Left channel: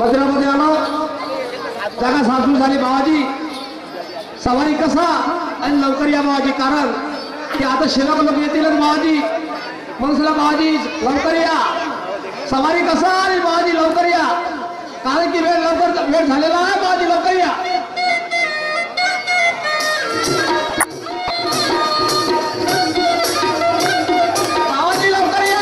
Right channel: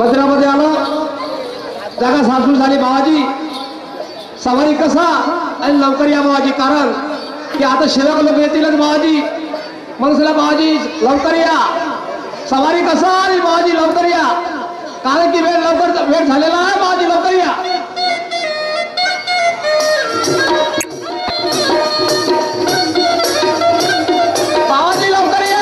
मंदिरामध्ये आलो, जागा सासू झाली बाबाजी. सवारी कसा आणि लवकर या बाबाजी, कारण की आता शिल्लक लोक येतीलच बाबाजी. म्हणून चला बाबाजी लवकर या. सवारी कसा आणि बाबाजी लवकर या, कारण की वेळ झालेला आहे. बाबाजी लवकर या. बाबाजी लवकर या.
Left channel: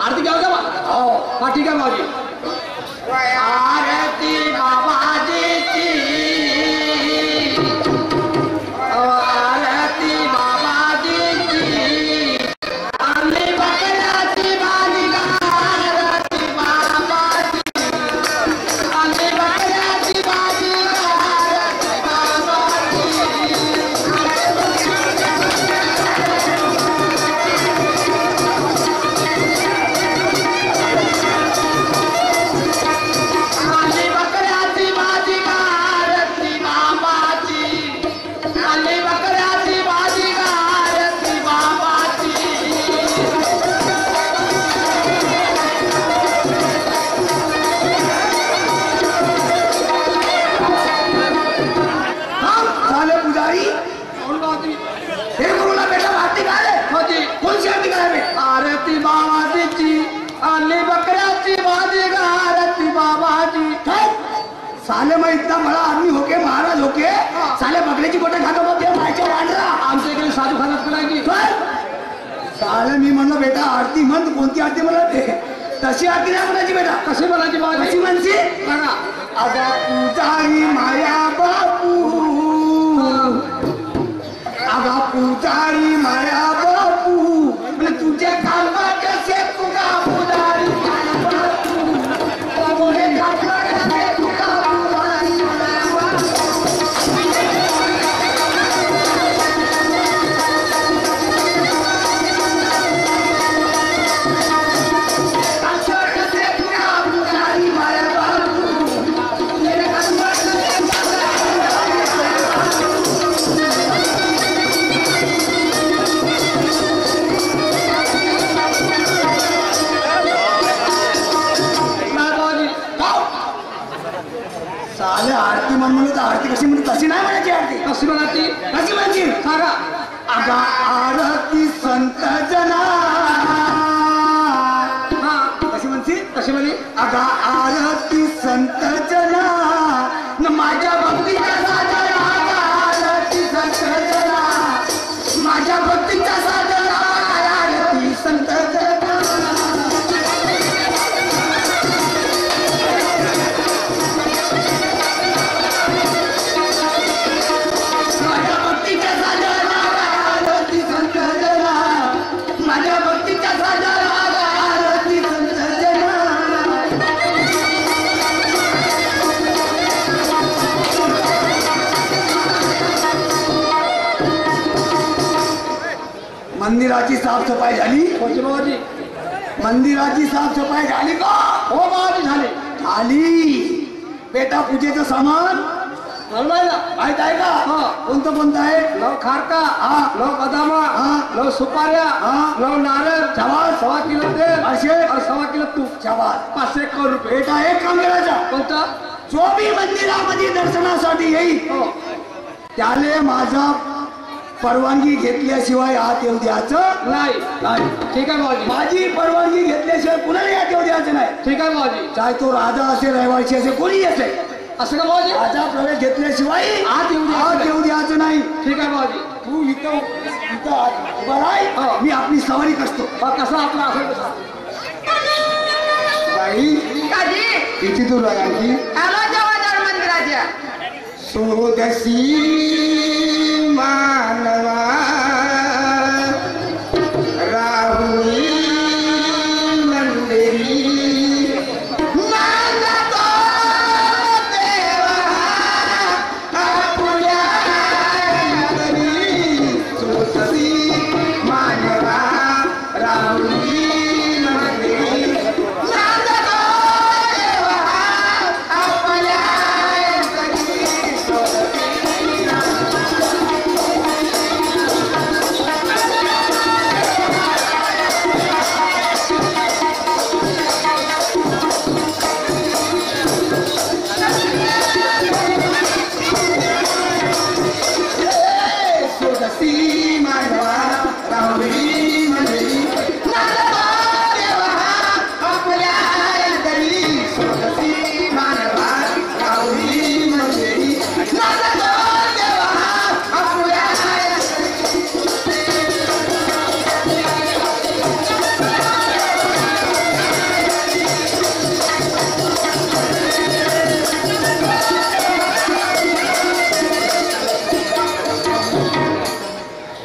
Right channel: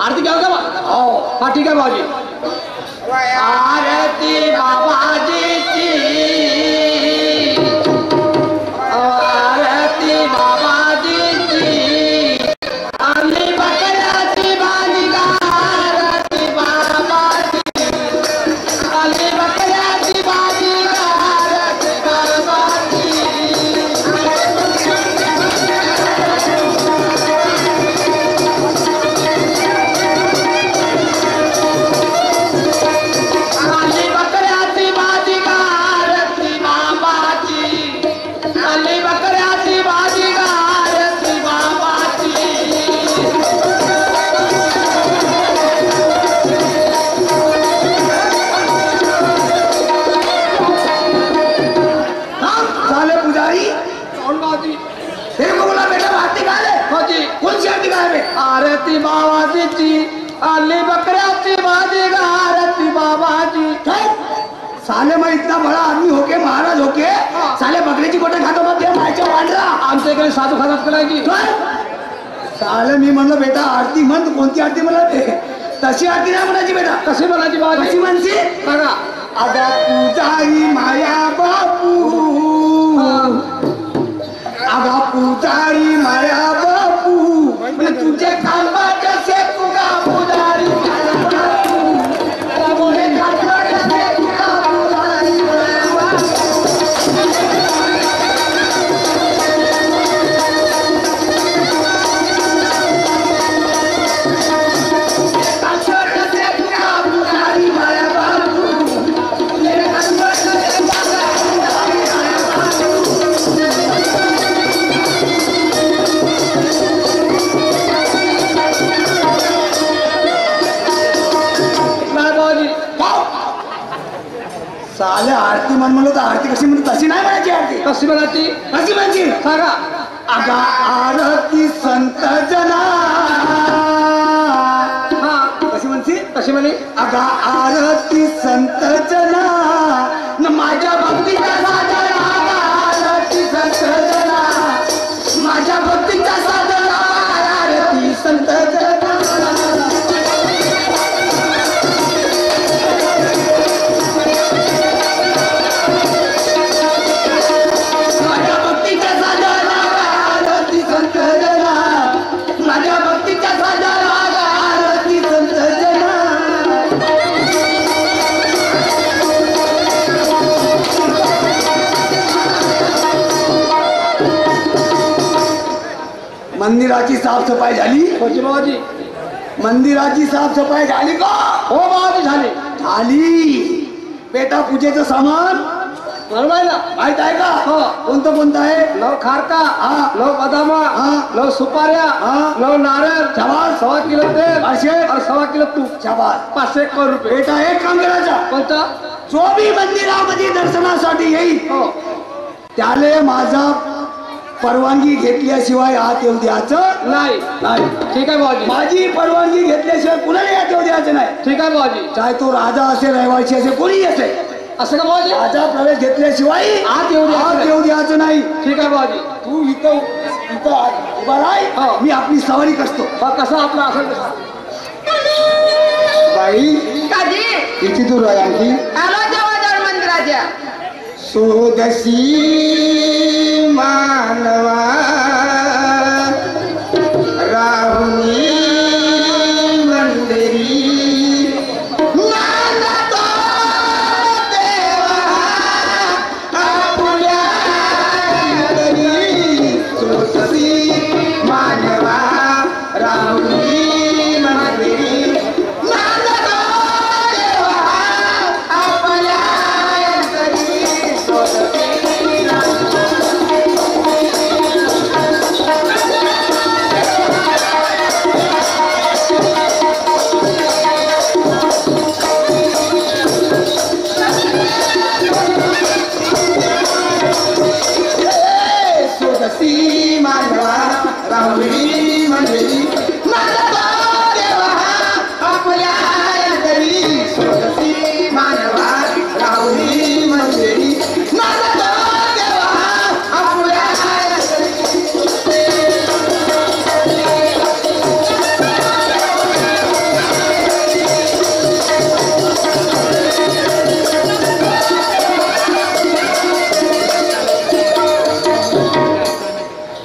आरती घ्या का? हो हा ठीक आहे बाबाजी. आरती बाबाजीची, आरती बाबाजीची, आम्ही बकऱ्याची भाजी गा. आरती बाबाजी, आम्ही बकऱ्याची भाजी गा. आरती बाबाजी. आरती बाबाजीची, आली बकऱ्याची भाजी गा. आरती बाबाजी. साले मैं इतना बड़ा आदमी होके महाराज होके साले बकरीची गोटे खातो मग ते मायच्या वांडरा आमच्या इकडे साधू खानात करायची. साले मी म्हणलं बेटा आरती म्हण, कोणती आरती म्हणत ते तशी आरती नाही म्हणायची बेटा. कशी म्हणायची बाबाजी? कशी म्हणशी बघा. अगा पूजारी माया बापू, अगा पूजारी माया बापू, म्हणजे तुझे कालवाट से तुगा पुजारी माया बापू, तुझे कालवाट से तुगा पुजारी माया बापू. कालवाट से तुगा पुजारी माया बापू, तुझे कालवाट से तुगा पुजारी माया बापू. साले आरती म्हणलं तर आरती कशी म्हणते तशी नाही म्हणायची. आरती कशी म्हणायची? कशी म्हणायची सांगा. अगा आरती संत जना. हा कशी म्हणते? कशी म्हणे? अगा आरती संत जना न माझ्या भक्तीचा साधना. आरती संत जना, माझ्या भक्तीचा साधना. आरती संत जना. मंदिराची साफसफाई झाली? कोणती बाबाजी? मंदिराची साफसफाई झाली का? हो बाबाजी झाली. झाली. बेटा पूजेचं सामान बरोबर ना? माहित आहे का? हो. कोणतं कोणतं आहे? लव खारका, हा. लव बदामा, हा. लव सुपाऱ्या, हा. लव नारळ, शाबास. 1.25 किलो तेल, असे? और 1.25 किलो तूप, शाबास. 501 रुपये. बेटा एक काम करायचा, कोणता? जो बी मंदिरामध्ये दर्शनासाठी येईल हो. त्याले माझा परवानगी घेतल्याशिवाय आत येऊ द्यायचं नाही. नाही. ठीक आहे बाबाजी. माझी परवानगी घेतल्याशिवाय कुणाला आत येऊ द्यायचं नाही. ठीक आहे बाबाजी. चाहे तो राजा असे, रहिवासी असे, कोणी असे, असं का बाबाजी? राजा प्रवेश घेतल्याशिवाय आत येऊ द्यायचं आत नाही. येऊ द्यायचं नाही. ठीक आहे बाबाजी. तू इथं इथं बराय हो. मी आपली सवारी करतो. कसा आपला असेल तसा. बाई काजी किती दूर आहे आणखी? आलो जवळ मंदिराच्या. सोदसी मानवा राहुनी मंदिरी मानतो देवा आपुल्या घरी. सोदसी मानवा राहुनी मंदिरी मानतो देवा आपुल्या घरी. सोदसी मानवा राहुनी मंदिरी मानतो देवा आपल्या घरी. सोदसी मानवा राहुनी मंदिरी मानतो देवा आपल्या घरी.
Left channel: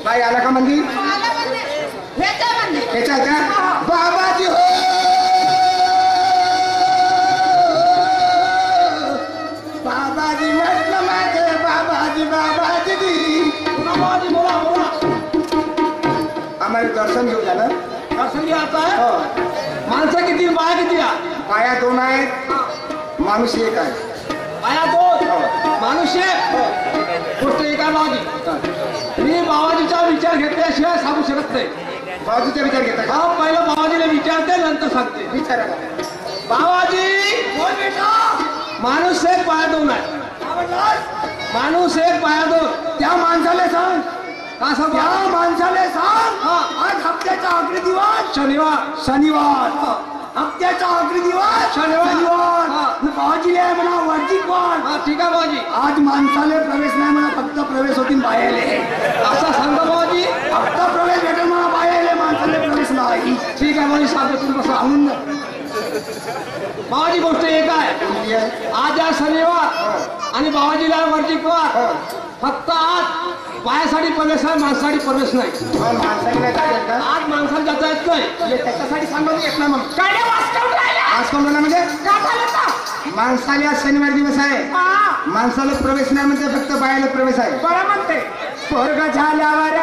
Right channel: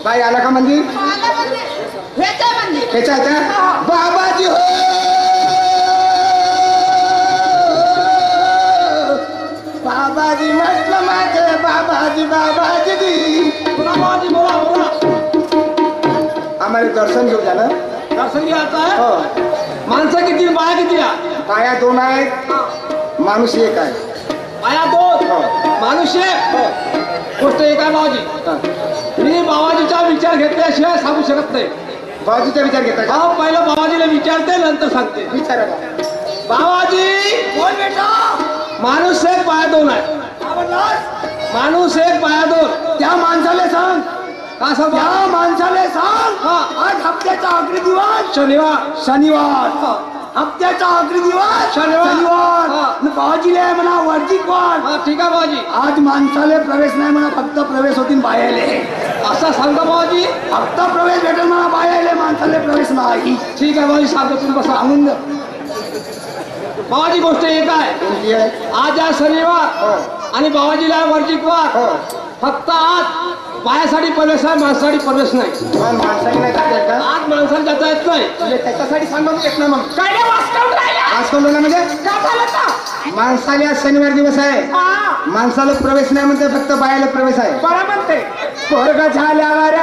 बाई आला का मंदिर? हेच आहे मंदिर. त्याच्या ह्याच्या बाबाजी हो बाबाजी म्हटलं माझे बाबाजी बाबाजी बाबाजी बोला बोला. आम्हाला दर्शन घेऊ झालं. दर्शन घ्यायचं आहे. हो माणसं किती बाया किती आहे? पाया 2 आहेत माणूस 1 आहे. बाया 2 हो. माणूस एक. गोष्ट एक आहे बाबाजी. मी बाबाजीचा विचार घेतल्याशिवाय सांगू शकत नाही. बाजूचा विचार घेता का? हा पहिलं बाबाजीला विचारते नंतर सांगते. विचारा का? बाबाजी बोल बेटा. माणूस एक बाया 2 आहे. माणूस एक बाया 2. त्या माणसाला सांग का सांगू? त्या माणसाला सांग हा. आज हप्त्याचा आखरी दिवस शनिवार. शनिवार. हप्त्याचा आखरी दिवस शनिवार. शनिवार. हा. न बाबाजीला आहे म्हणा वर्जिक वाट. हा ठीक आहे बाबाजी. आज माणसाला प्रवेश नाही म्हणा फक्त प्रवेश होतील बायाले. असा सांगा बाबाजी. फक्त प्रवेश भेटेल म्हणा बायाले माणसाला प्रवेश नाही. ठीक आहे बाबाजी सांगतो तुम्ही बसा. सांगून द्या. बाबाजी गोष्ट एक आहे. कोणती आहे? आज आहे शनिवार हो. आणि बाबाजीला वर्जिक वार. हो. फक्त आज बायासाठी प्रवेश आहे माणसासाठी प्रवेश नाही. पण माणसाला नाही जात का? आज माणसाला जाता येत नाही. म्हणजे त्याच्यासाठी सांगून येत नाही मग. काय रे वाचवून राहिला? आज कोण बोला म्हणजे का झालं का? माणसाला आज शनिवार दिवस आहे. हा. माणसाला प्रवेश नाही म्हणते फक्त बायाला प्रवेश आहे. बरं म्हणते. स्वर्ग झाल्यावर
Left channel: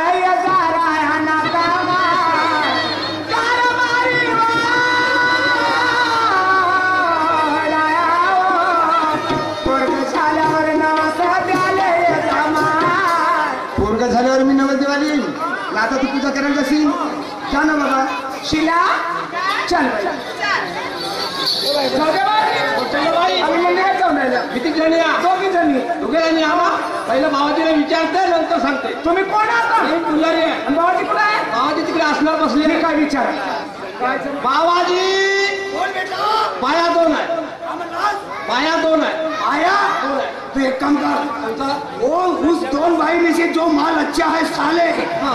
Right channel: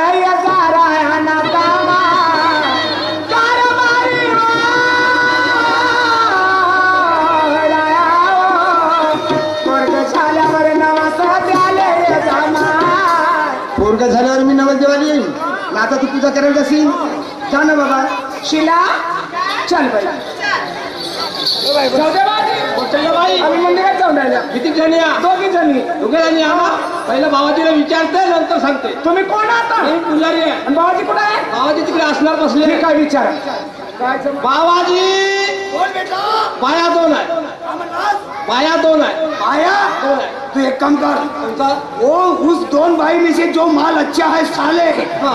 पोरग झाल्यावर मी नवरदेवाला येईन. आता तू पूजा करायला जाशील. जा ना बाबा. शिला चल बाई. जाऊ दे बाई. चला बाई. आम्ही मंदिरात जाऊन राहिला. किती जणी या? 2 जणी. दोघे जणी या ना. पहिलं बाबाजीला विचारते नंतर सांगते. तुम्ही कोण आता? मी पुजारी आहे. आणि बाबाजी कुठे आहे? बाबाजी तिकडे असणार बसले. मी काय विचारा? बाबाजी बाया 2 आहे. बाया 2 आहे. आया 2 आहे. तू एक काम कर. कोणता? वो उस 2 भाई में से जो माल अच्छा है साले, हा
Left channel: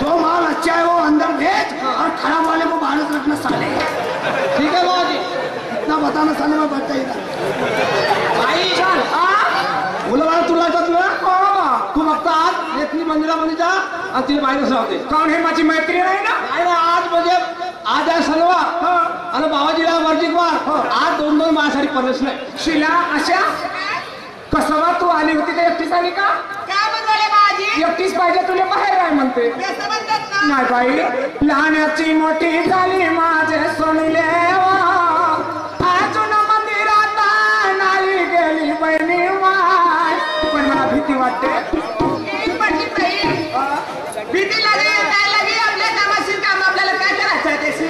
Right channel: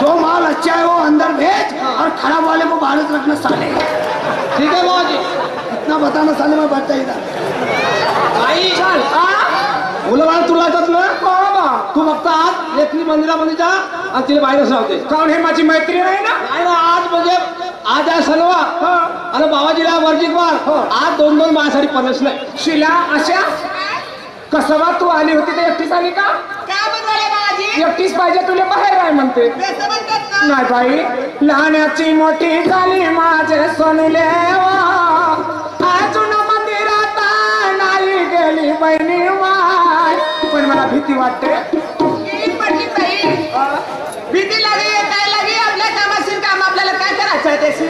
जो माल अच्छा है वो अंदर भेज और खराब वाले को बाहर रखना साले. ठीक आहे बाबाजी. इतना बताना साले मैं बचता इधर. आई चल. मुलं बाळा तुला येतात ना? तू फक्त आज लेखनी मंदिरामध्ये जा आणि तिला बाहेरच राहते. काऊन हे माझी मैत्री नाही ना? नाही ना आज म्हणजे आज आहे शनिवार आणि बाबाजीला वर्जिक वार. आज 2 माझ्यासाठी प्रवेश नाही. शिला अशा कसवा तू आली होती तर एकटीच आली का? काय बनवले बाबाजी? एकटीच पाहिजे तुला बाहेर आहे म्हणते. बेसन म्हणतात ना? नाही बाई लहानाची मोठी झाली माझे सोनुले अजून मंदिरात नाही गेली बहिणी माय. पण मला भीती वाटते. एक पट्टी बाई. भीती लागली काय लागली? आपल्या कामाशील काम आपल्याला काय करायचं आहे त्याशी?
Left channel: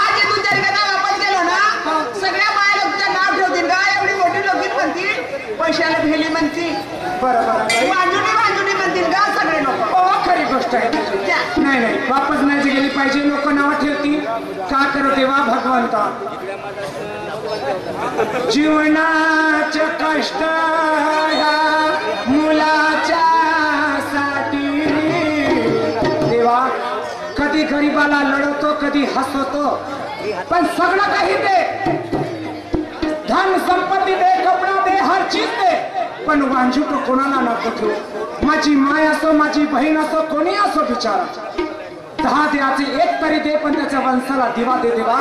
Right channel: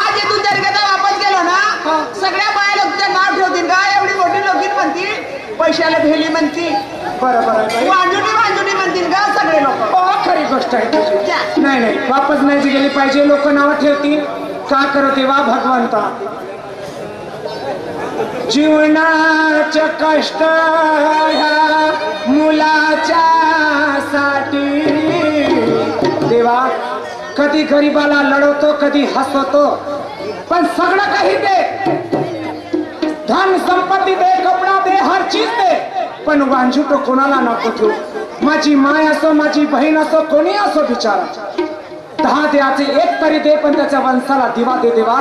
आज इथून जर का वापस गेलो ना सगळ्या बाया लोक तुझं नाव ठेवतील का? एवढी मोठी लोकीन म्हणतील. पैशाला भेली म्हणतील. बरोबर आहे. वांजुनी म्हणतील का सगळे लोक? हो खरी गोष्ट आहे तुझी. नाही नाही वापस नाही गेली पाहिजे. लोक नाव ठेवतील. का करू देवा भगवंता. जीवनाचे कष्ट ह्या मुलाच्या साठी देवा कधी गरीबाला लढवतो कधी हसवतो पण सगळं काही दे धन संपत्ती दे कपडा दे हर चीज दे पण वांझूट कोणाला नको ठेवू माझी माय असो माझी बहीण असो कोणी असो बिचारा 10 द्याचे एक तरी दे पण त्याच्या वंशाला दिवा दे देवा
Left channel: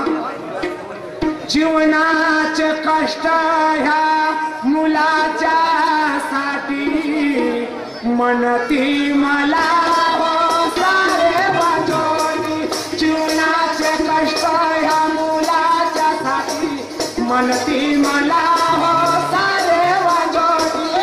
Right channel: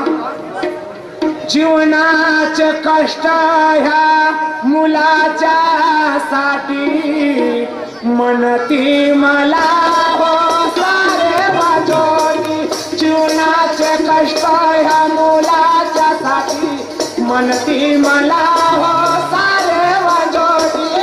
जीवनाचे कष्ट ह्या मुलाच्या साठी म्हणती मला हो सारे वाजोनी जीवनाचे कष्ट ह्या मुलाच्या साठी म्हणती मला हो सारे वाजोनी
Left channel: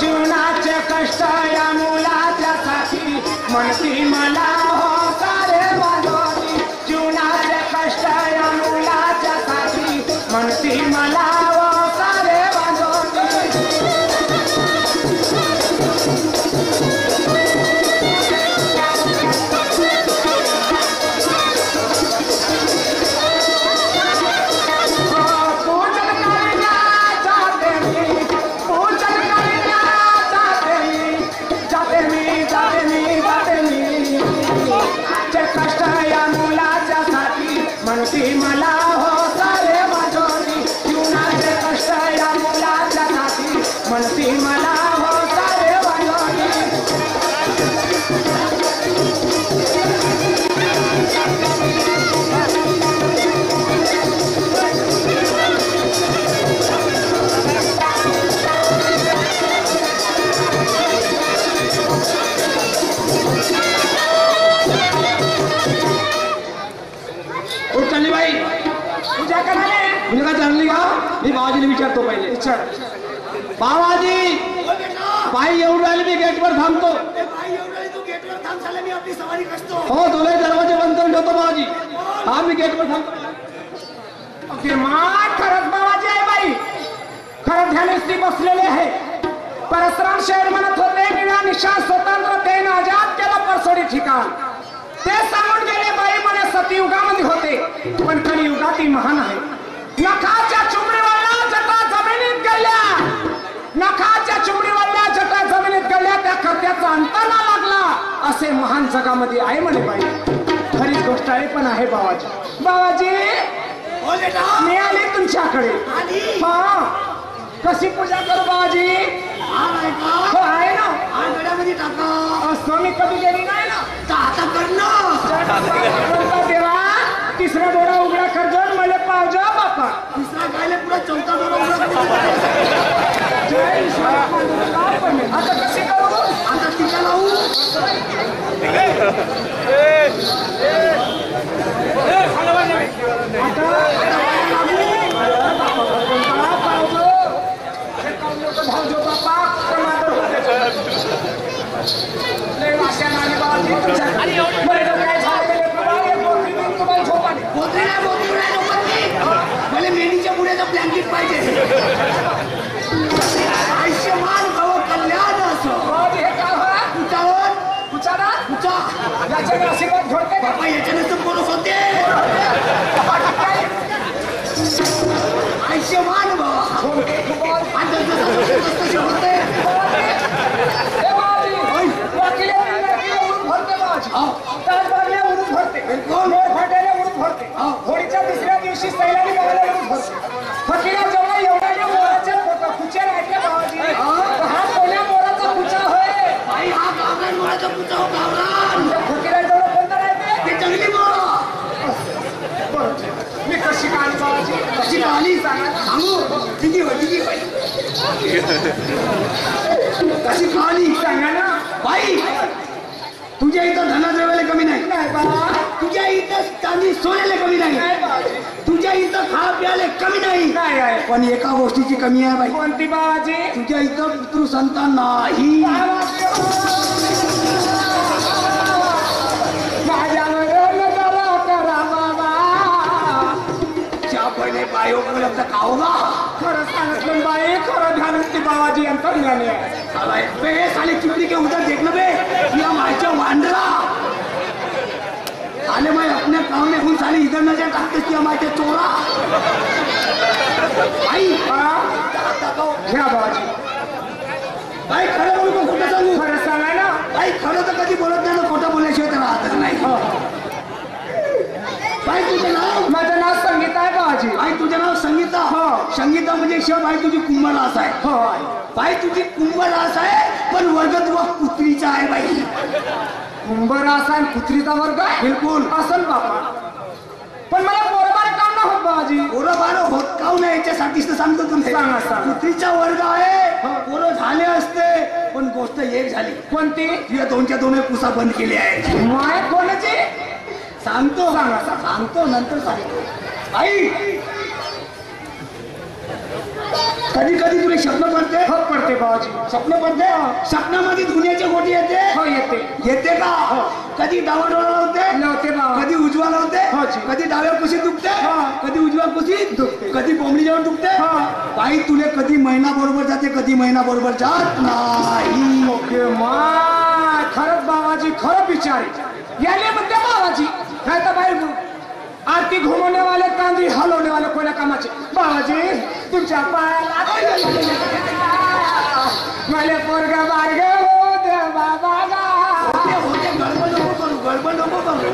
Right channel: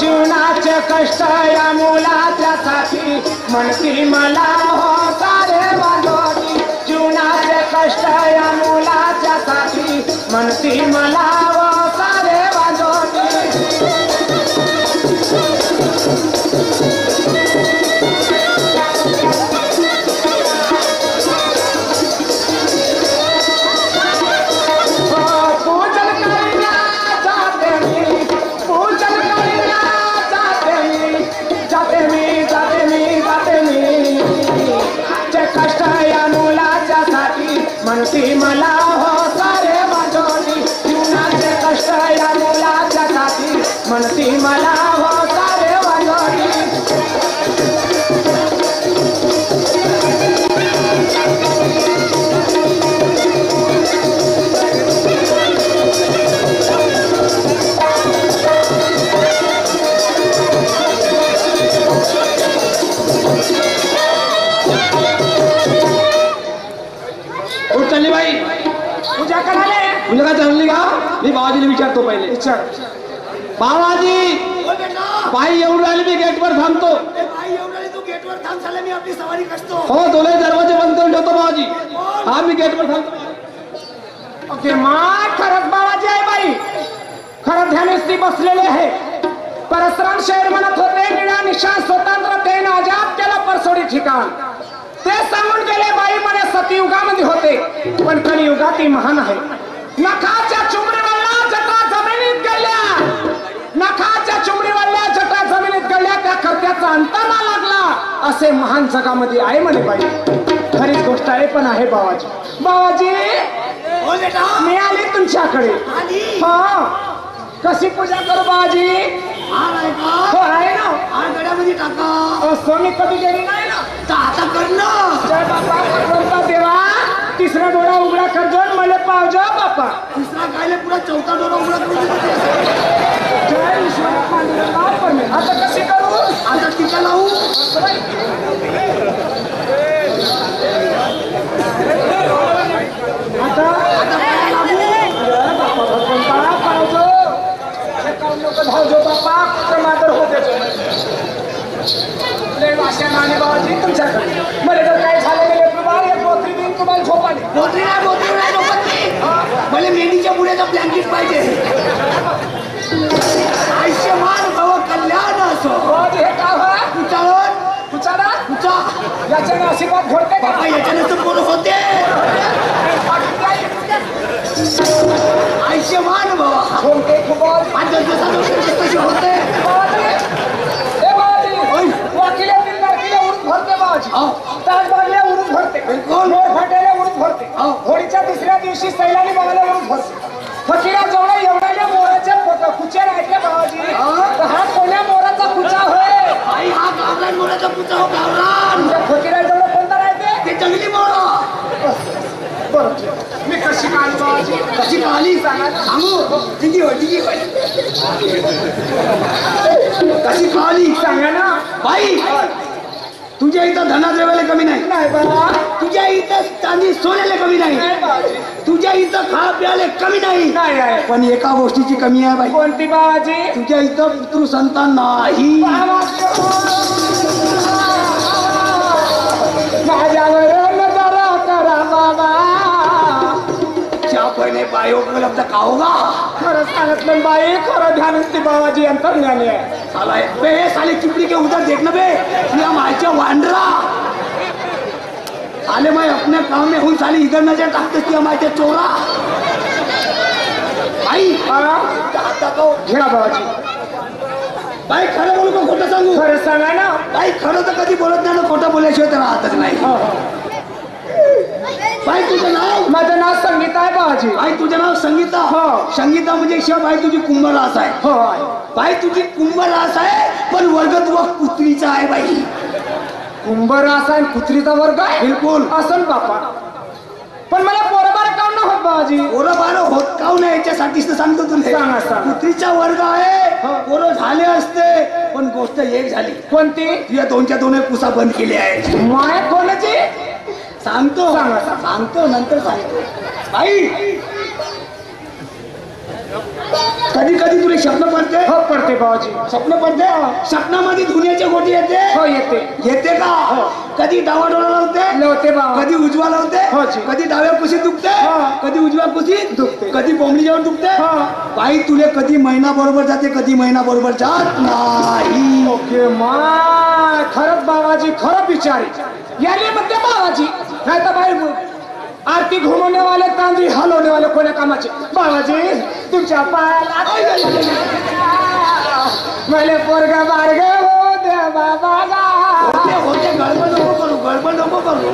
जीवनाचे कष्ट या मुलाच्या साठी म्हणती मला हो सारे वाजोनी जीवनाचे कष्ट या मुलाच्या साठी म्हणती मला हो सारे वाजोनी पूजन करण्या जाते मी पूजन करण्या जाते मी चे कष्ट या मुलाच्या साठी म्हणती मला हो सारे वाजोनी जीवनाचे कष्ट या मुलाच्या साठी म्हणती मला हो सारे वाजोनी चालली बाई पूजा करायला तुला काय चालली का मी बाबाजीला विचारतो पहिले विचार बाबाजी बाई येऊन राहिली मी गेटवर थांबतो हो तुला दरवाजे बंद करून ठेवतो बाबाजी हा मी गेटवर थांबतो ओके मा खरंच बाबाजी आहे बाई खरं ध्यानस्थी बसलेले आहे परशुराम शहर म्हणत होते निळा निशा स्वतंत्र देण आजाद केला परसोडी ठिकाण ते सांगून गेले बाई म्हणे सतयुगामध्ये होते पण कलियुगात महान आहे नखाच्या चुमडीवरल्या जटा जमिनीत गेल्या नखाच्या चुमडीवरल्या जटा जमिनीत गेल्या त्या कर्त्याचा अंत ना लागला असे महान जगामध्ये आहे म्हणे बाई खरीच गोष्ट आहे पण आहे बाबाजी बाबाजी मी आले तुमच्याकडे हा कशी पूजा करू बाबाजी हो आहे ना असं मी कधी गेली नाही ना जय बापा बोलता देवा तिसरा डोळा उघडा करजो मला पावजो बापा जय ईश्वर आता कशी करू आता टीका लावू आता भावजो बापा प्रमादर होते लय वाश्यानं आणि बाबाजी तुमच्याकडे मला जर काय झालं गेले तुम्हाला एक बोत्री देऊन तुम्हाला झोप आली बोलते नाही मला मेंढीच्या पुढेचा ब्लँकेट पाहिजे आयुष्यमान भव कल्याण असो बाबाजी हे काय हो उचाळून उचारा उचा याच्याने आशीर्वाद घडते का बाबा याच्याने तर बोलत होते आयुष्यमान भव झोमके खूप आज कसे होते होळीच्या दुसऱ्या दिवशी सैलानी बाबाला उरूस भरते फकीरा जेवढा एवढ्या मोराच्या कुच्या राहत्या बाबाजी हा कोण्या मोराचा कुचा होय आई हा गावरान मोराचा पुचा हो गावरान फकीरा जेवढा कोणता राहते ते जंगली मोरा बरं मी कशी काढली बाबाजी कशी काली सांगू किती होय कशी काली सांगा ना बाई तुझ्या इथं धनाद्रव्याला कमी नाही नाही बाबा तुझ्या इथं चांदी सोन्याला कमी नाही नाही बाबाजी तुझ्या इथं खा प्याले कमी नाही नाही आहे पण एका गोष्टीची कमी आहे बाई कोणती बाबाजी तुझ्या इथं पितृ संतान नाही माझ्यावर नजर करा बाबा त्या पहिले पाय उपलब्ध का होगा खरं सांगितलं बाई खरं ध्यान ती बाबाजी अंतर्ज्ञानी आहे साला बे साले चिपड़ी के उधर देखना बे या मायच्या वांडरा साले मैं अपने काम में हूँ साली इधर नजर टाकते की हमारे चोरा भाई घ्या बाबाजी भाई खरं बोलू का खोटं सांगू खरं सांगा ना भाई खरं तर कधी बोलत नाही ना खोटं बोलल्याशिवाय तर राहतच नाही भाई तुझं नाव माझं नाव संगीता आहे बाबाजी भाई तुझं नाव संगीता हो. संगीता म्हणजे शिवाय भाई तुझी कुंभरास आहे हो भाई तुझी कुंभरास आहे पण वर्ग तुझा कुत्रीचा आहे बाई कुंभरास आणि कुत्रीचा वर्ग आहे बिलकुल असेल बापा पण मला पोरबार काम ना होत बाबाजी पोरं बारं होत काऊ नाही याच्यासाठीच तर सांगतो तुला सांगा, सांगा. कुत्रीचा वर्ग आहे पोरं झाले असते पण गोष्ट एक झाली कोणती तुझ्या दोनच्या दोन पुसा बंद केले आहे माय कोणाची सांगतो सांगा, सांगतो नंतर सांगतो आई कधी कधी तुला स्वप्न पडते हो पडते बाबाजी स्वप्न पडते स्वप्नामध्ये धुण्याची गोटी येते हो येते येते का कधी डावा डोळा लावते लवते बाबा कधी उजवा लावते हो जी. कधी डाव्या कुशीत दुखते हा. कधी उजव्या कुशीत दुखते. कधी बोंबडी जेवण दुखते हा. बाई तुले कधी महिना बरोबर जाते कधी महिना बरोबर जात नाही ओके माय खरंच बाबाजी खरं बिचारी याले म्हणते बाबाजी नाही तर बाई आरती घुमवणे वाले तांदळी हलवणे वाले कोण्या कामाचे बाबाजी तुमच्या पायाला मले पोरग बारग हो दे बाबा होते होते गडबड नको करू गडबड नको करू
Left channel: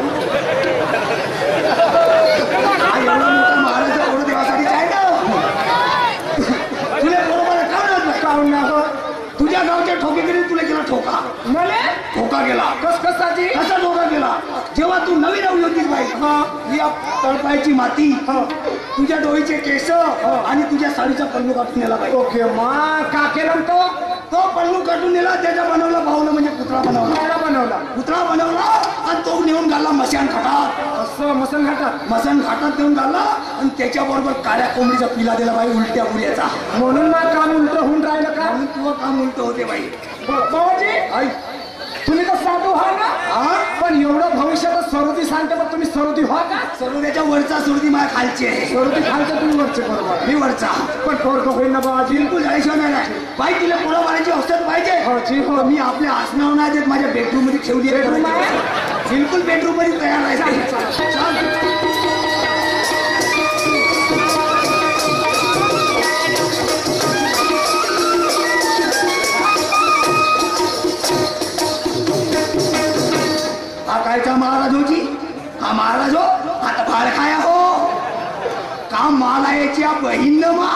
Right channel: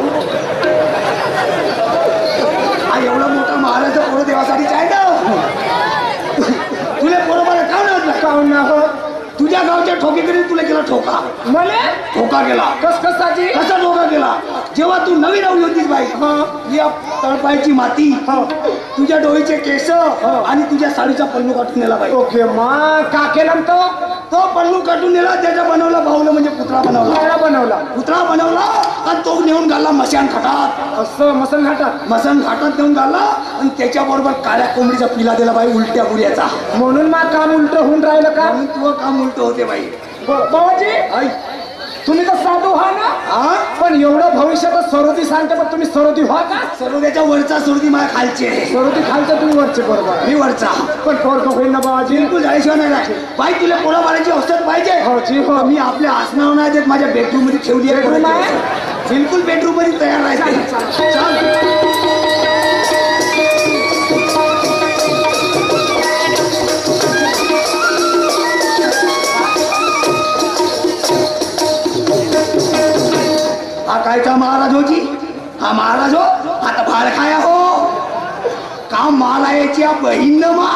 हा एवढा मोठा महाराज पोरं देवासाठी आहे ना तुला बरोबर का काऊन ना हो तुझ्या गावच्या ठोकेकडे तुला केला ठोका मले ठोका गेला कस कसाची कसा ठोका गेला जेव्हा तू नवीन नवी होतीस बाई या तळपायची माती तुझ्या डोळीचे केस आणि तुझ्या साडीचा पल्लू काढून नेला बाई ओके मा का केलं तो पल्लू काढून नेला त्याचा बनवला भाऊला म्हणजे पुतळा बनवला बनवला पुतळा बनवला आणि तो नेऊन घालला मशान घाटात असं मसन घाटात मसन घाटात नेऊन घालला आणि त्याच्याबरोबर काळ्या कोंबडीचा पिला दिला बाई उलट्या बुऱ्याचा म्हणून मग काम उलट होऊन राहिलं का म्हणून तुझं काम उलट होते बाई बाबाजी आई तुम्ही तर साधू व्हा ना हा पण एवढं भविष्यात सरोदी सांगते पण तुम्ही सरोदी व्हा का सर्व त्याच्या वरचा सुरती माझ्या खालची आहे सरोदी खालचं तुम्ही वरचे बरोबर मी वरचा पण पोरग होईल ना बाबाजी बिलकुल झाल्याशिवाय नाही राहत. बाई तुला पोळा मारायची औषध पाहिजे हो जी हो मी आपल्या आसनावर नाही देत माझ्या बेडरूम मध्ये ठेवली आहे Bedroom आहे? बिलकुल बेडरूम मध्ये तयार राहते चल. हा कायचा महाराज होती हा महाराज हो आता भाड खाया हो का माला याची हा बहीण न मा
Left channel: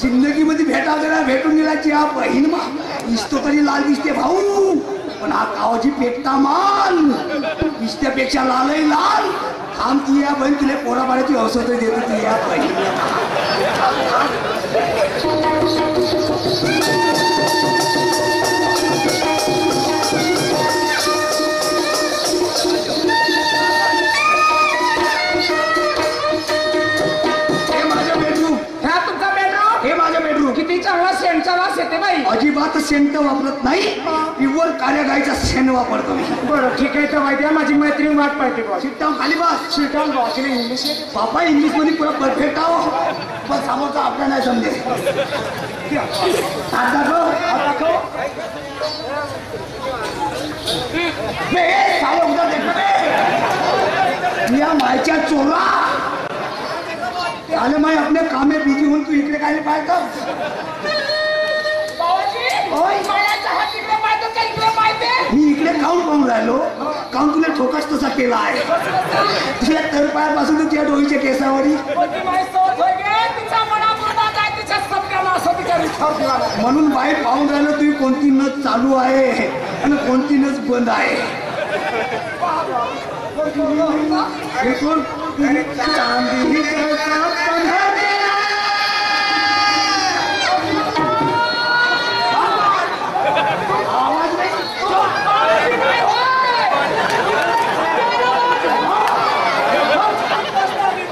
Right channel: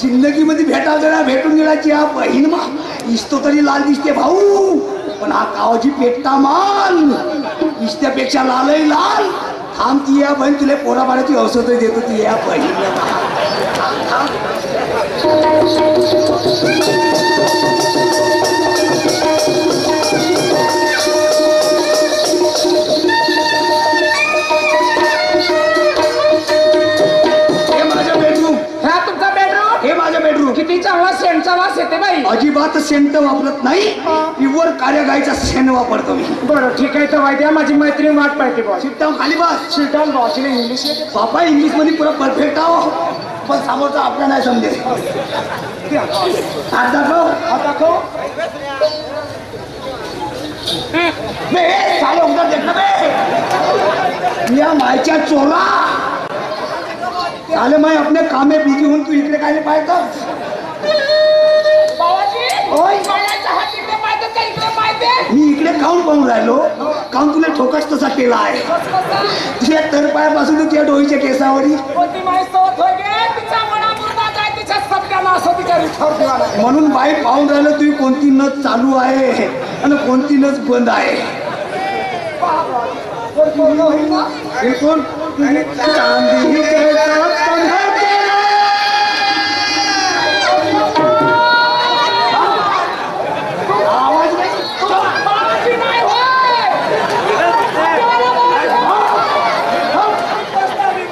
जिंदगीमध्ये भेटावलेला भेटून गेल्याची हा बहीण मा इस्तो तरी लाल दिसते भाऊ पण हा कावाची पेटता माल इस्त्यापेक्षा लालही लाल थांब ती या बहीण तुला पोराबाळाची औषध देतो ती या बहीण किती चांगला सेंटचा वास येते बाई अजिबात सेंट वापरत नाही प्युअर कार्य गायचा सेंट वापरतो मी बरं ठीक आहे तर माहिती आहे माझी मैत्रीण वाट पाहिजे बॉस शिट्टा खाली बस शिटाल बॉसने इंग्लिश बापा इंग्लिश मध्ये पुरा परफेक्ट आहो पण समोरचा आपल्या नाही समजेल हात दाखव हात दाखव बे साले उधर देख बे या मायच्या चोरा आले मैं अपने काम में बिजी हूँ तू इकडे काय पाहतो ओय मी इकडे काऊन पाहून राहिलो काऊन तुला ठोकाच तसा केला आहे तुझ्या तरपायापासून तुझ्या डोईच्या केसावरी म्हणून बाई पाहून राहिलो तुझी कोणती नस चालू आहे आणि कोणती नस बंद आहे बिलकुल चांदी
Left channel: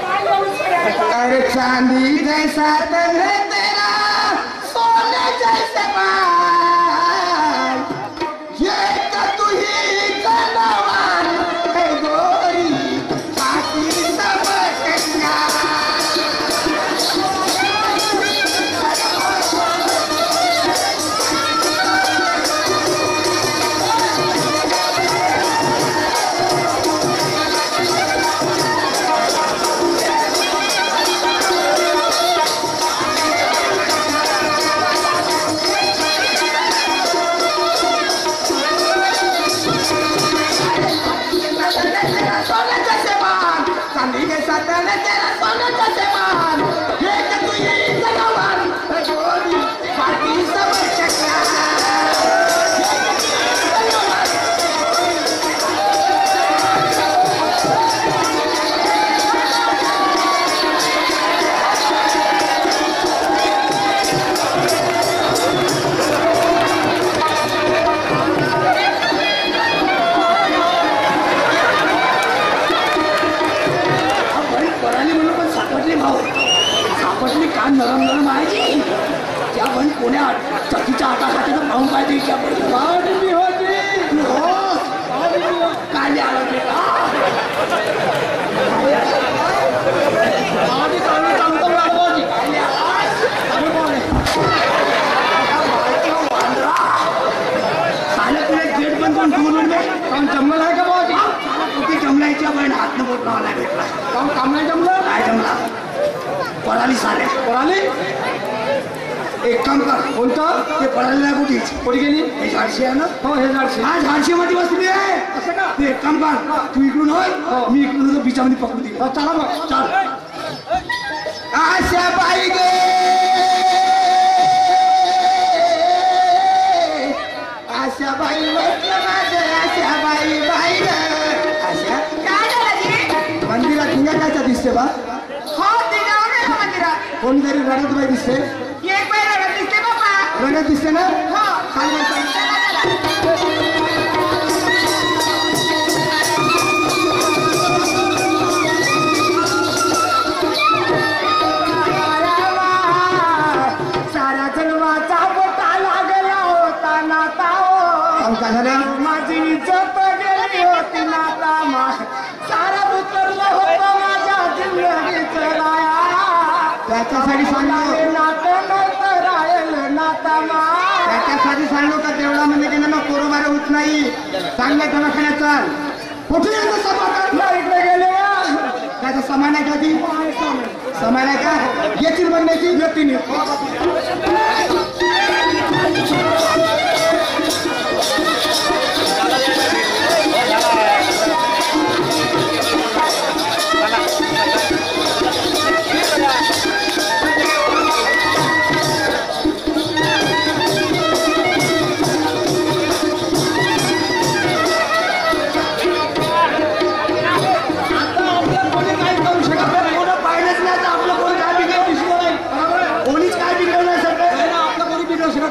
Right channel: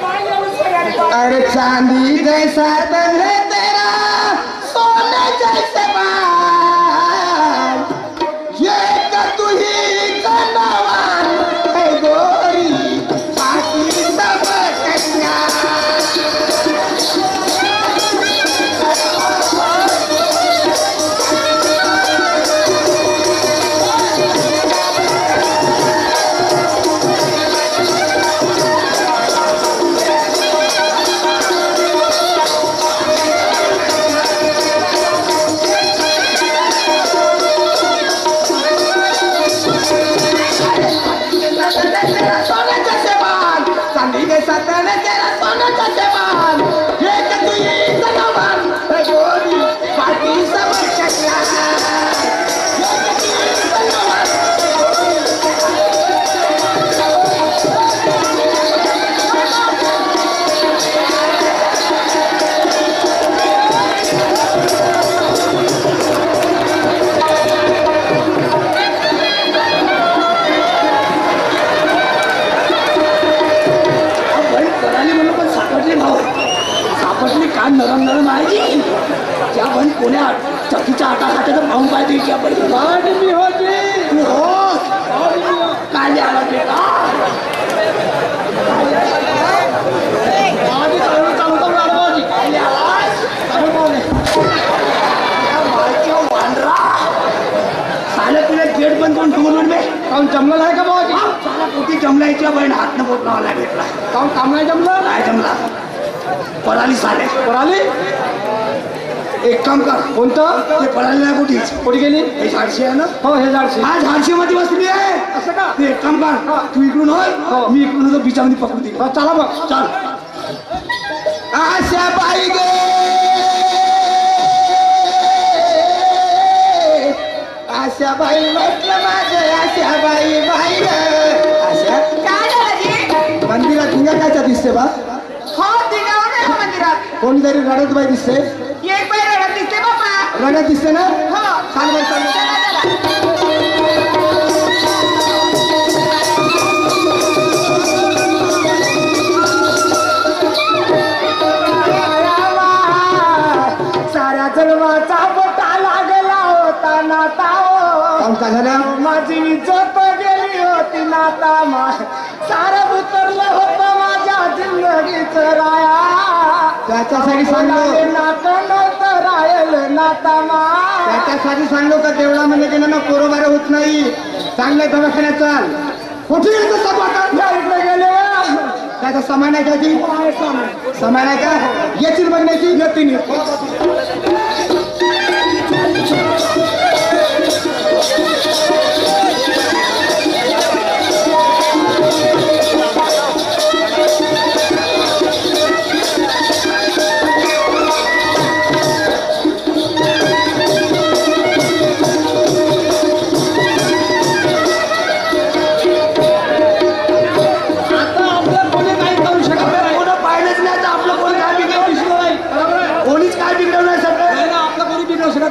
अरे चांदी जैसा तन है तेरा सोने जैसे बाल ये का तू ही कनवार है गोरी बाकी सब कन्या जैसा तने तेरा सोना का जवान ये कि तू ये जवान गोरी पार्टी सब चक्रा कान नरम नरम आहे जी त्या पण कोण्या चकीच्या आटा खात्याचा पाहून पाहिजे की आपण मी होती तू हो काले आला ते का तुला गेट बंद करून ठेवून काऊन जमलं आहे का बाबाजी कुठे जमलायच्या बहीण हात न बोट लावला भेटला काऊन काम नाही जमलं काय जमला पळाली साले पळाली एक काम कर कोणतं ते पळाली नाही कुठेच कुठे गेली हे झाडशी आहे ना हो हे झाडशी हा झाडशी मध्ये बसली आहे असं का ते एक काम कर तू इकडून होय हो. मी इकडून होतो बिचामध्ये पकडू दे हो, चला मग चाल आशा बाई गे आशा बाई म्हटलं माझं आशा बाई बाई आशा काय झालं जी? मंदिरात हिंगा कायचा दिसते बा हो दिगावर गेलो मंदिरात कोणीतरी रडत बाई दिसते एक बाई रडत दिसते बाबा रडत दिसते ना हो सांग बाई सांग चला, चला. साऱ्या जन्माचा बोटा लागला होता नाता काम का झालं माझी इज्जत गेली होती नाता सारं उतरलं होतं माझ्या जिंदगीचं राया त्याच्यासाठी सांगलो नातं नव्हतं राहिलं नाता त्याच्यासाठी सांगलो का तेवढा म्हणजे की ना कोरोबार होत नाही चांगल्या दवाखान्यात चाल कुठे येतो सभा इकडे गेले त्याचा समान आहे का ती समान आहे का येतील बघण्याची येतील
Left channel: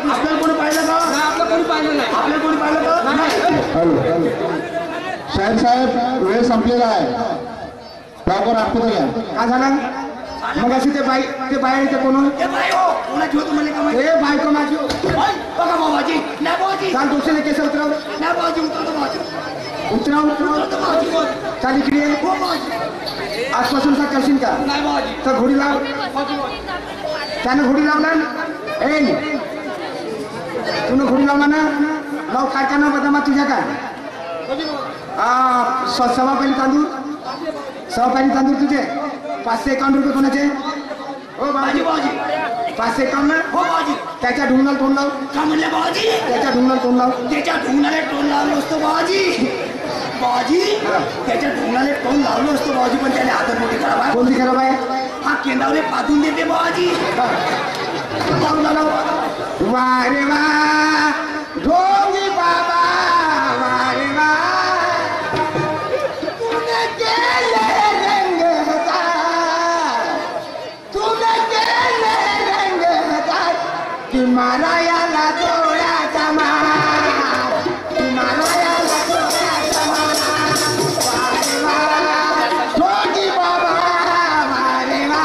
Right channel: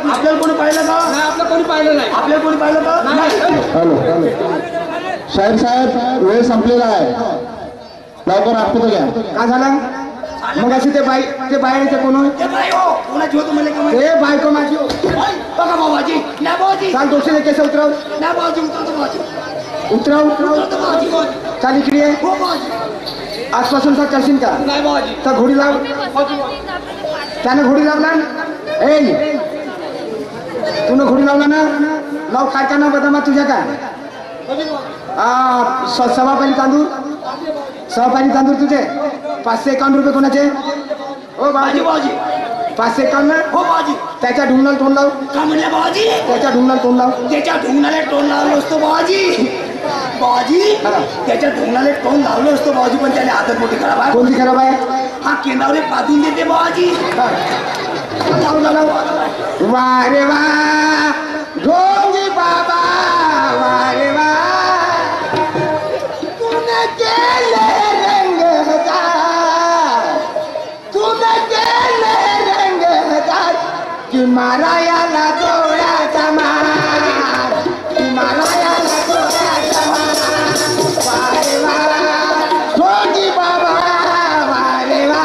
आपल्याला कोणी पाहिलं का आपलं कोणी पाहिलं नाही आपल्याला कोणी पाहिलं का हॅलो हॅलो साहेब वेळ संपलेला आहे लवकर आठवतो घ्या काय झालं मग अशी ते बाहेरचे कोण कोणाची होतो मला का ते बायको माझी बघा बाबाजी नाही बाबाजी चाल दोषीने केस उतराव नाही बाबाजी उतरवतो बाबाजी उतराव चाल इकडे आहे हो बाबाजी आजपासून का करशील का नाही बाबाजी तर घोडी लाव त्यानं घोडी लावला ए तूने घोडी लावला ना लाव काय का ना बदामा तुझ्या काय सव्वा पाणी तांदूळ तुझे 551 रुपये कोणाचे हो बाबाजी बाबाजी 551 हो बाबाजी त्याच्या ढुंगणाला तोंड लाव का म्हणलं बाबाजी त्याच्या ढुंगणाला तोंड लाव त्याच्या ढुंगणाला तोंड लावलं असतो बाबाजी बाबाजी त्याच्या ढुंगणाला तोंड लावलं असतो बाबाजी पण त्याने आदत मोठी खराब आहे कोणती खराब आहे हा केंद्रावले पाठवून देते बाबाजी वा रे वा ढोंगी बाबा वा रे वा तूने केले रंग हजार तूने केले रंग हजार कि मारा याला डोळ्याचा मार कि मारा याला डोळ्याचा मार वा रे वा ढोंगी बाबा वा रे वा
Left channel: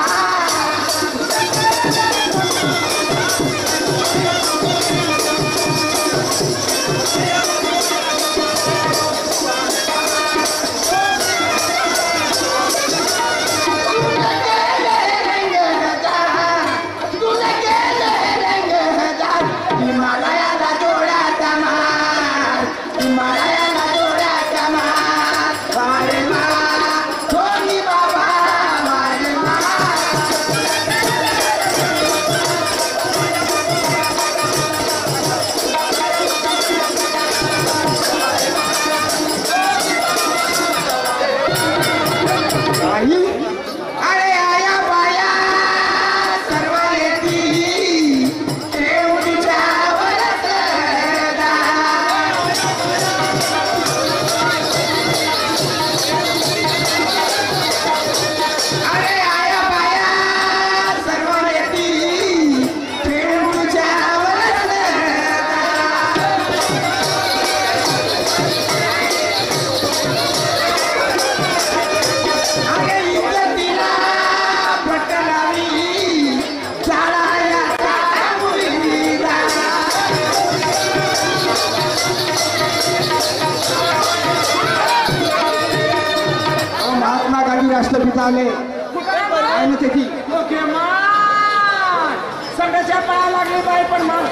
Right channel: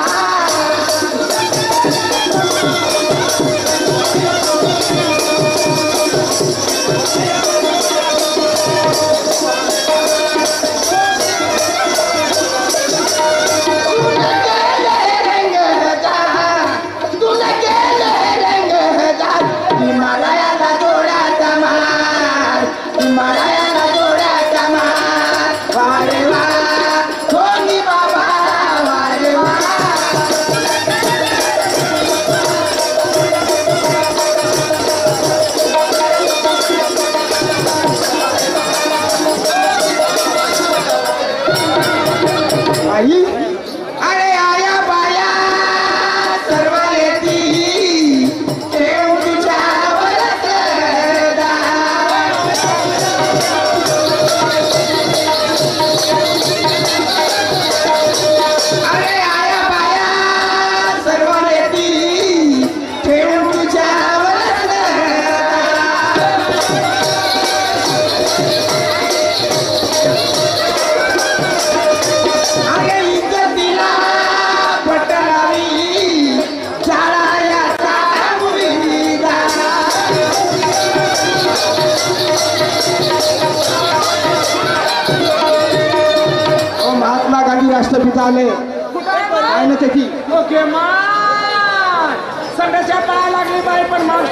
पिता आले काय ना त्याची ओके मान संघाच्या पाया लागली बाई पण मान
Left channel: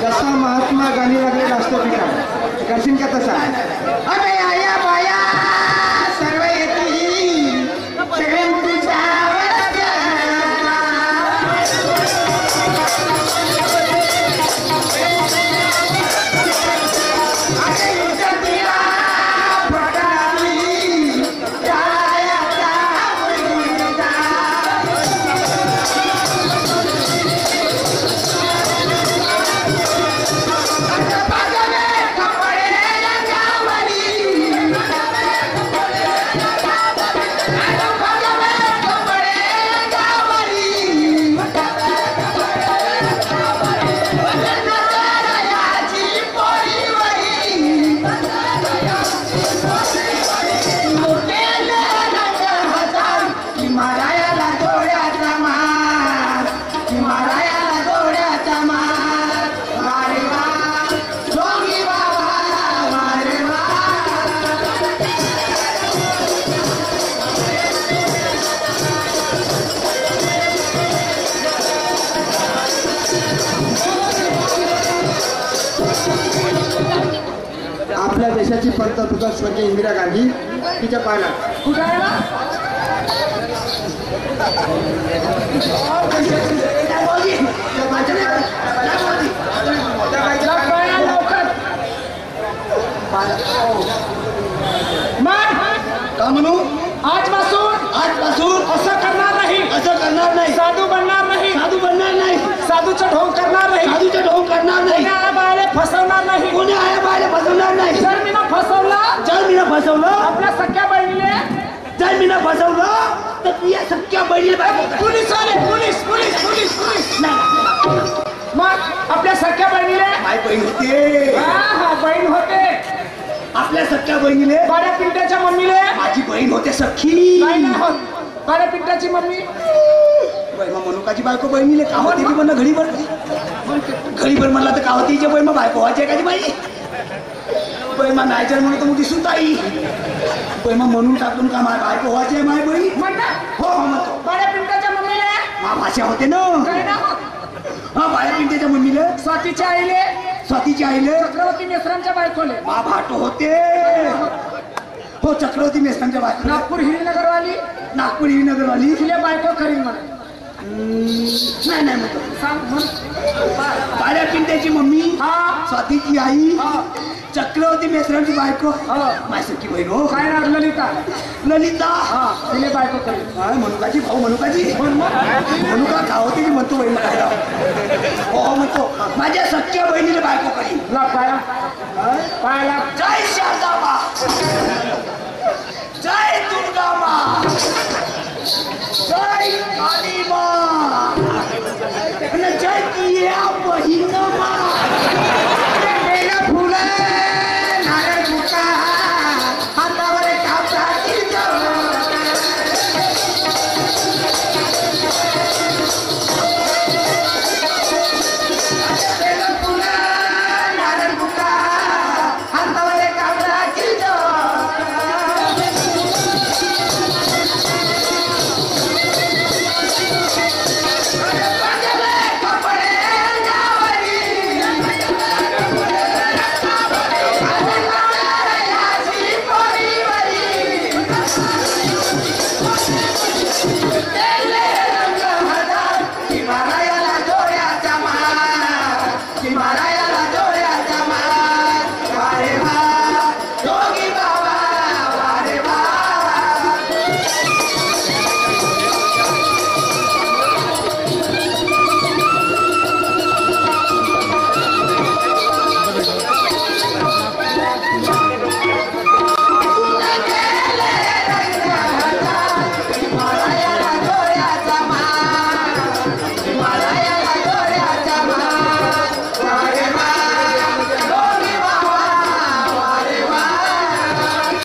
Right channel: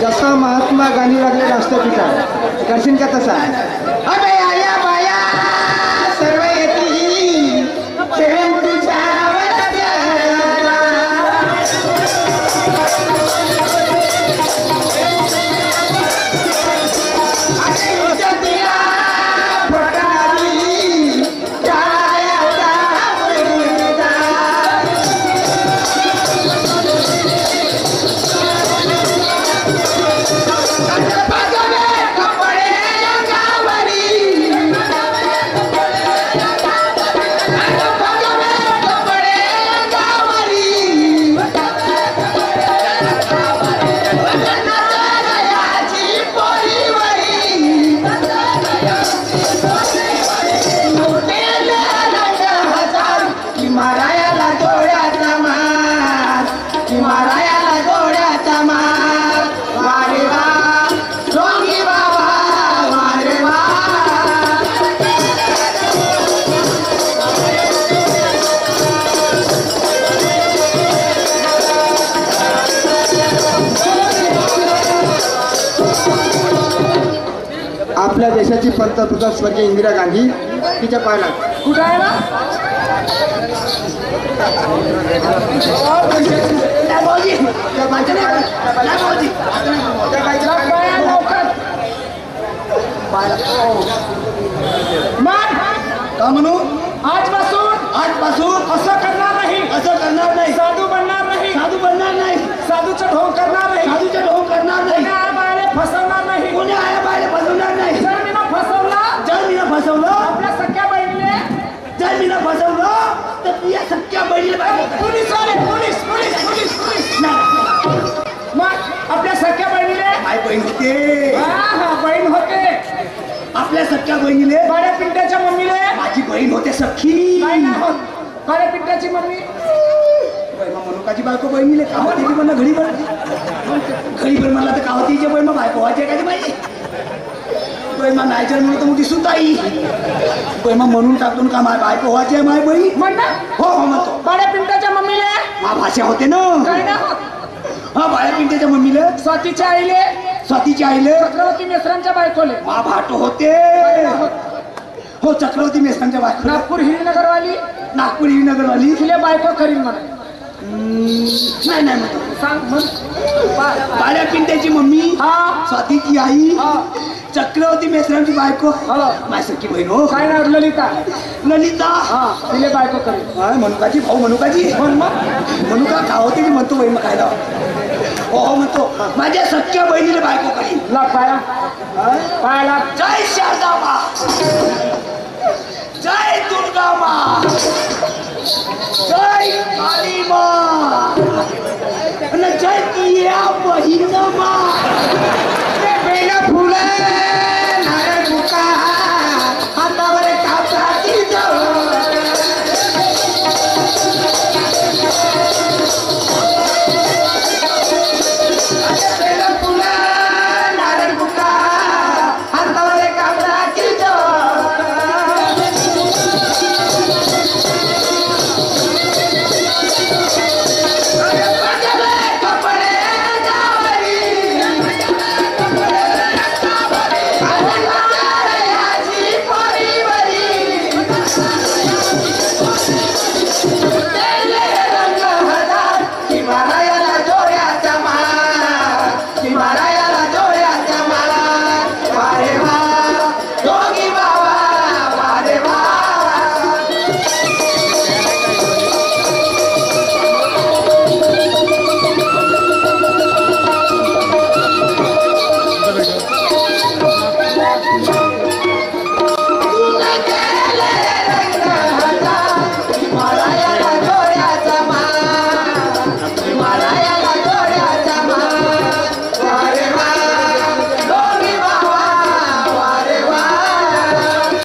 जसा महात्मा गांधी लागले राष्ट्रपिता करशील का तसा अबे आया बाया सर्व येतील प्रेम तुझ्यावर आपल्या देशाची पंतप्रधान स्वर्गीय इंदिरा गांधी तिच्या पायाला कुठं आहे ना लवकर मान का म्हणू आजपासून असं करणार नाही साधू बनणार नाही साधूचं ढोंग करणार नाही कोणी आया बायाला फसवणार नाही जर मी फसवलं आपल्या सख्या बहिणीले तर तू या सख्या बहिणीला पोलीस मग आपल्या सख्या बहिणीले काय बहीण होते बहीण होते आपल्या सख्या बहिणीले काळ्या पिंट्याच्या मम्मीले माझी बहीण होते सख्खी नाही ना होत काळ्या पिंट्याची मम्मी बैमा मनुकाची बायको बहिणीले का होती की म्हणा घडीभर म्हणला तर का होती जे बैमा बायको व्हायची का पाहिजे बैमा नायचर म्हणून तर मोठी सुताई बैमा म्हणून टाकून का माय बायको व्हायची आहे माय बहीण म्हणतात हो म्हणतो काळ्या पिंट्याच्या मम्मीले मा भाषा होते ना काय ना होत हा बाळ्या पिंट्याच्या मम्मीला स्वातीच्या आईले स्वातीच्या आईले चक्रवर्ती मिश्रांच्या बायकोले मा भाटो होते हो चक्रवर्ती मेस्तांच्या बायको नागपूर हिरनगरवाली नागपूर नगरवाली तिले बायको करीन म्हणा नाही म्हणतो सांग म्हण बाळ्या पिंट्याची मम्मी हा स्वातीची आई हा चक्रवर्ती मेस्त्रांची बायको हा माय सख्खी बहीण हो काय ना ललिता ललिता हा तिले बायको करीन काय मनुकाची भाऊ मनुकाची मनुका खावते की म्हणतो बहीण खायला हो म्हणतो माझ्या सख्या बहिणीला बायको करी ला पाया पायाला जय शारदाबा जय दुर्गा मा जय काली मा जय किया बहिण मा